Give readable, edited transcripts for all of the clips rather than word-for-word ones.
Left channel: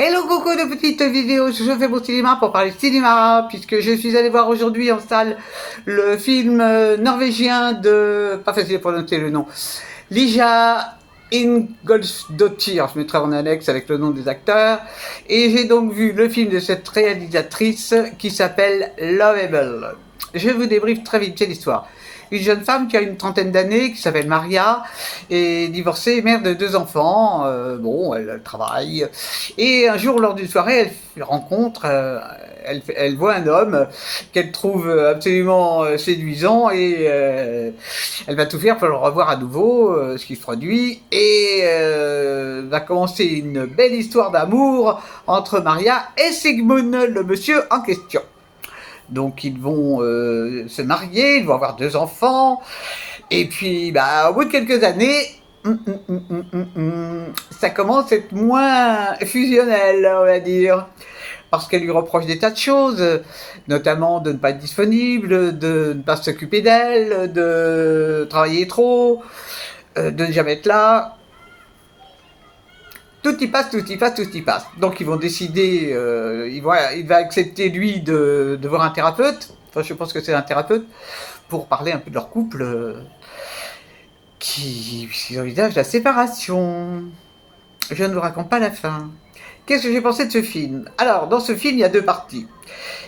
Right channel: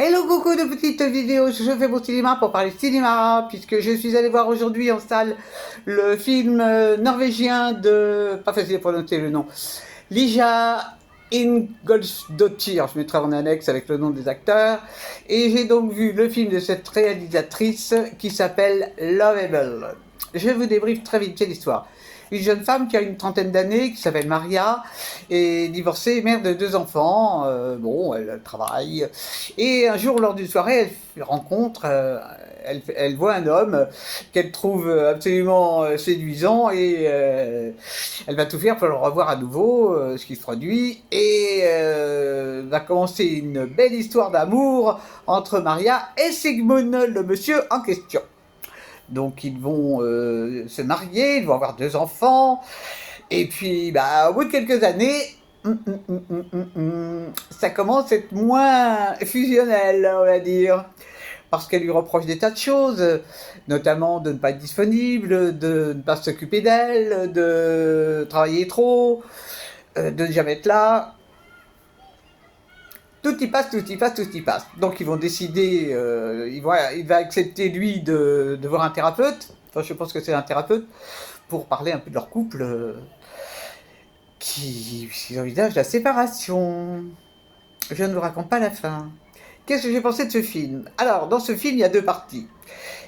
Hello coucou de petites vidéos, je fais mon cinéma pour parler cinéma, puisque je suis allé voir aujourd'hui en salle le film norvégien de... pas facile à prononcer le nom, Lija Ingoldsdottir, je mettrai en annexe avec le nom des acteurs, et j'ai donc vu le film de cette réalisatrice qui s'appelle Lovable. Je vous débriefe très vite, c'est l'histoire. Une jeune femme qui a une trentaine d'années, qui s'appelle Maria, est divorcée, mère de 2 enfants. Bon, elle travaille. Et un jour, lors d'une soirée, elle rencontre, elle voit un homme qu'elle trouve absolument séduisant et elle va tout faire pour le revoir à nouveau, ce qui se produit. Et va commencer une belle histoire d'amour entre Maria et Sigmund, le monsieur en question. Donc ils vont se marier, ils vont avoir 2 enfants, et puis au bout de quelques années, ça commence à être moins fusionnel, on va dire, parce qu'elle lui reproche des tas de choses, notamment de ne pas être disponible, de ne pas s'occuper d'elle, de travailler trop, de ne jamais être là. Tout y passe, tout y passe, tout y passe. Donc ils vont décider, il va accepter lui de voir un thérapeute, enfin je pense que c'est un thérapeute, pour parler un peu de leur couple, qui envisage la séparation. Je ne vous raconte pas la fin. Qu'est-ce que j'ai pensé de ce film? Alors, dans ce film, il y a 2 parties.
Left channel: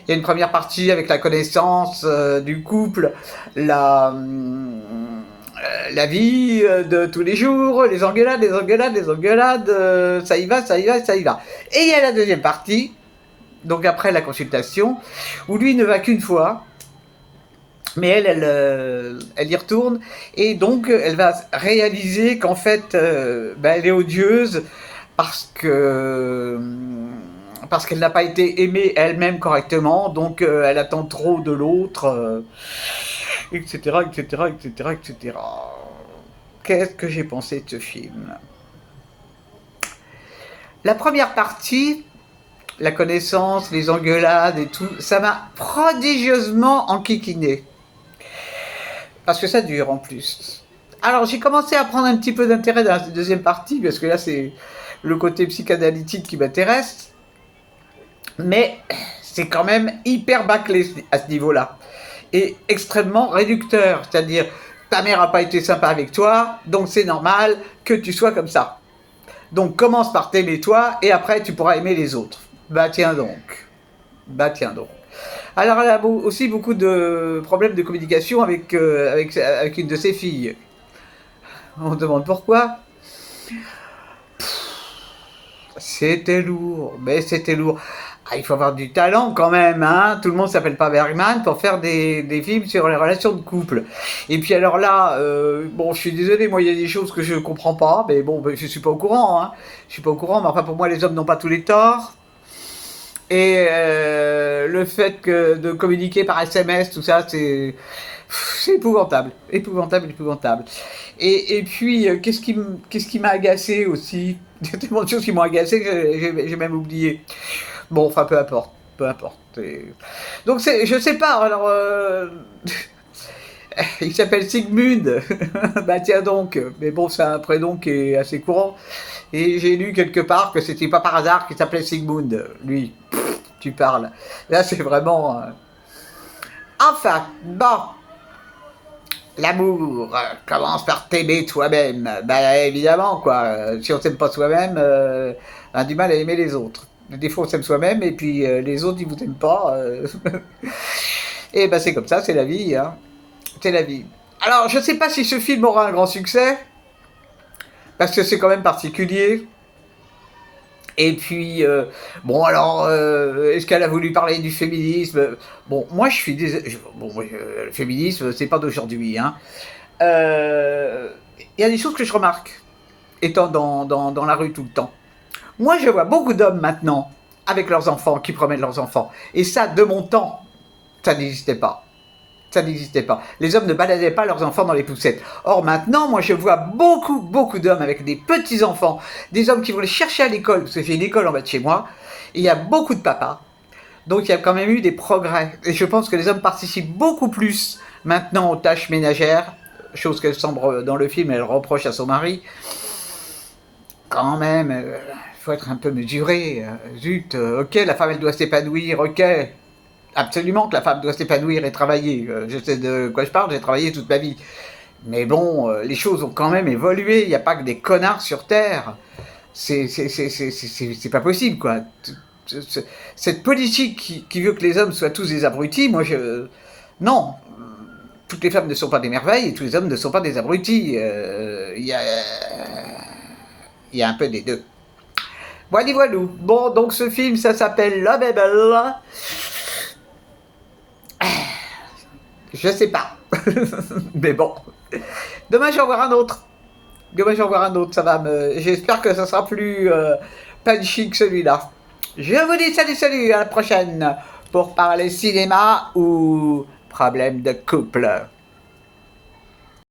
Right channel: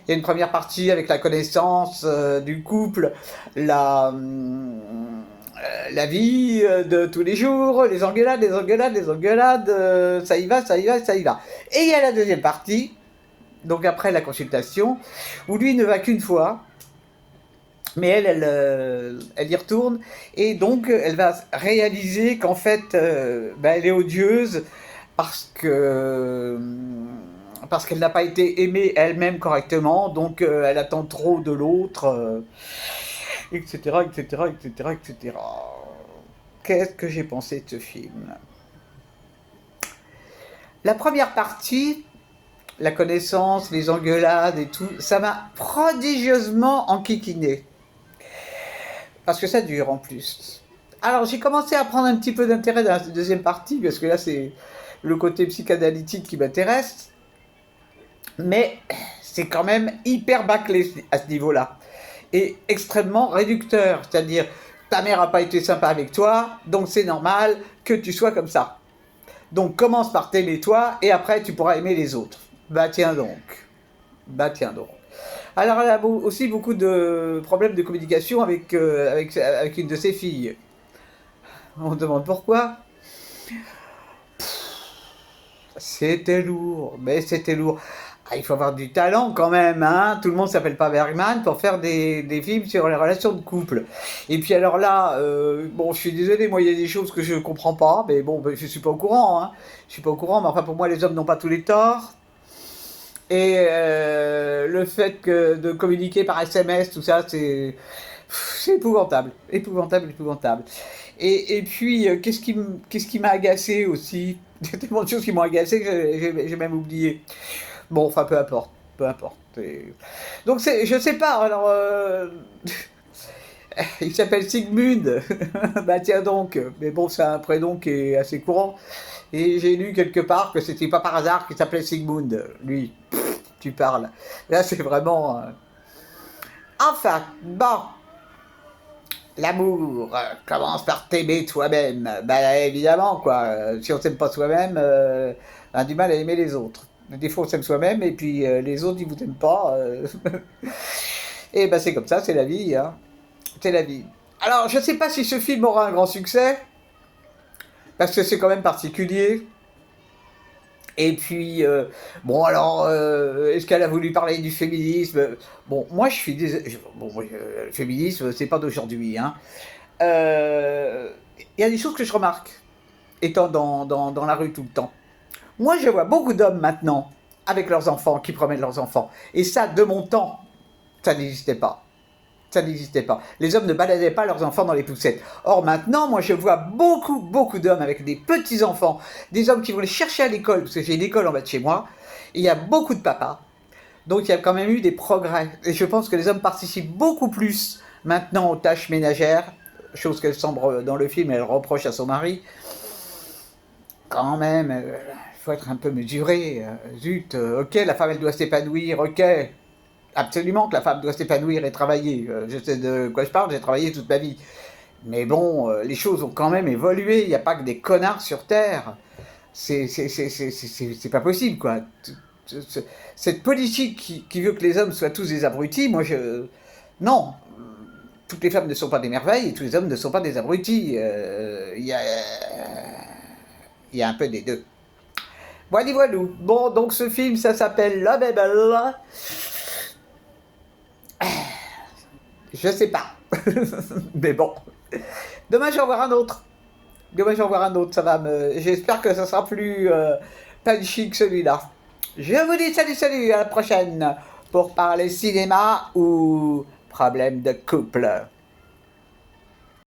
Il y a une première partie avec la connaissance du couple, la vie de tous les jours, les engueulades, ça y va, ça y va, ça y va. Et il y a la deuxième partie, donc après la consultation, où lui ne va qu'une fois, mais elle y retourne, et donc elle va réaliser qu'en fait, elle est odieuse parce qu'elle n'a pas été aimée elle-même correctement, donc elle attend trop de l'autre, etc., etc., etc., etc. Qu'est-ce que j'ai pensé de ce film? La première partie, la connaissance, les engueulades et tout, ça m'a prodigieusement enquiquiné. Parce que ça dure en plus. Alors j'ai commencé à prendre un petit peu d'intérêt dans la deuxième partie, parce que là c'est le côté psychanalytique qui m'intéresse. Mais c'est quand même hyper bâclé à ce niveau-là. Et extrêmement réducteur. C'est-à-dire, ta mère n'a pas été sympa avec toi, donc c'est normal que tu sois comme ça. Donc commence par t'aimer toi, et après tu pourras aimer les autres. Bah tiens donc. Bah tiens donc. Alors elle a aussi beaucoup de problèmes de communication avec une de ses filles. On se demande pourquoi. C'était lourd, mais c'était lourd. Ah, il faut avoir du talent quand même, hein. Tout le monde s'appelle pas Bergman pour faire des films sur les relations de couple. Et puis alors là, bon, je suis désolé, moi il y a des choses que je comprends pas, mais bon, je suis pas au courant, hein. Je suis pas au courant, mais enfin pour moi les hommes n'ont pas tous les torts. Et le fait de communiquer par SMS, tout ça, c'est épouvantable, épouvantable, épouvantable. Et puis, qu'est-ce qui m'a agacé aussi? Il y a tellement de choses qui m'ont agacé que j'ai même oublié. Bon, enfin, peu importe, peu importe. Donc, je sais pas, alors... il s'appelle Sigmund. Bah tiens donc, mais bon, c'est un prénom qui est assez courant. Et j'ai lu quelque part que c'était pas par hasard qu'il s'appelait Sigmund. Lui, tu parles. Là, c'est vraiment... Enfin, bon, l'amour commence par t'aimer toi-même. Ben évidemment, quoi. Si on s'aime pas soi-même, on a du mal à aimer les autres. Des fois, on s'aime soi-même, et puis les autres, ils vous aiment pas. Et ben c'est comme ça, c'est la vie, hein. C'est la vie. Alors, je sais pas si ce film aura un grand succès, parce que c'est quand même particulier. Et puis, bon alors, est-ce qu'elle a voulu parler du féminisme? Bon, moi je suis désolé. Bon, le féminisme, c'est pas d'aujourd'hui, hein. Il y a des choses que je remarque, étant dans la rue tout le temps. Moi, je vois beaucoup d'hommes maintenant, avec leurs enfants, qui promènent leurs enfants. Et ça, de mon temps, ça n'existait pas. Ça n'existait pas. Les hommes ne baladaient pas leurs enfants dans les poussettes. Or maintenant, moi je vois beaucoup, beaucoup d'hommes avec des petits-enfants, des hommes qui vont les chercher à l'école, parce que j'ai une école en bas de chez moi, et il y a beaucoup de papas. Donc il y a quand même eu des progrès. Et je pense que les hommes participent beaucoup plus maintenant aux tâches ménagères, chose qu'elle semble dans le film, elle reproche à son mari. Quand même, faut être un peu mesuré. Zut, ok, la femme, elle doit s'épanouir, ok. Absolument que la femme doit s'épanouir et travailler. Je sais de quoi je parle, j'ai travaillé toute ma vie. Mais bon, les choses ont quand même évolué. Il n'y a pas que des connards sur Terre. C'est pas possible, quoi. Cette politique qui veut que les hommes soient tous des abrutis, moi je... Non, toutes les femmes ne sont pas des merveilles et tous les hommes ne sont pas des abrutis. Il y a un peu des deux. Voilà, voilà. Bon, donc ce film, ça s'appelle Lovable. Je sais pas. Mais bon. Demain, j'en voir un autre. Demain, j'en voir un autre. Ça va me... J'espère que ça sera plus punchy que celui-là. Je vous dis salut, salut. À la prochaine. Pour parler cinéma ou problème de couple.